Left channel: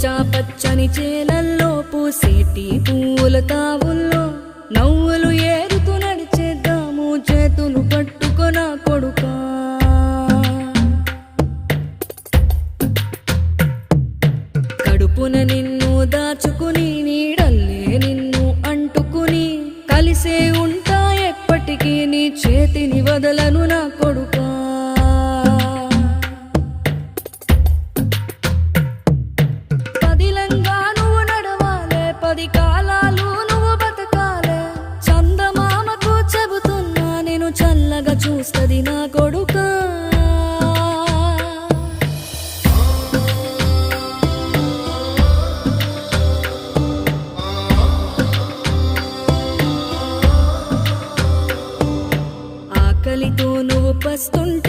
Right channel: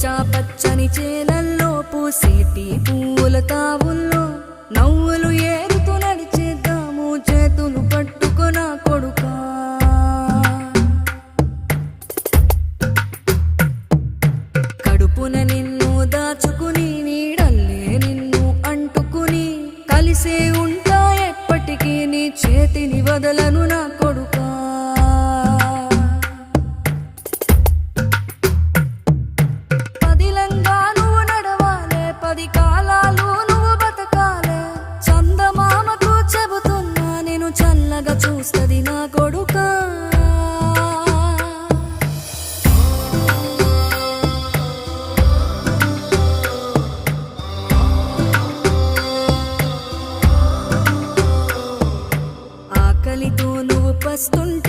పచ్చా పచ్చని చేలల్లో పూసేటి పూల తావుల్లో నవ్వులు ఏరుతూ నడిచేద్దాము చేతులు పట్టుకొన కొడుకా. కడుపున నిన్ను దాచుకుని నీడల్లే నిన్ను అంటుకుని కలిసే ఉంటా ఎప్పటికీ నీ చేతిని వదలను నా కొడుకా. పదిలంగా నువ్వు నడవాలే, 10 కాలాలు నువ్వు బతకాలే. చందమామకు చెబుతున్నా నేను చల్లగా చూస్తది నా కొడుకా. ఆకలితో నువ్వు పస్తుంటే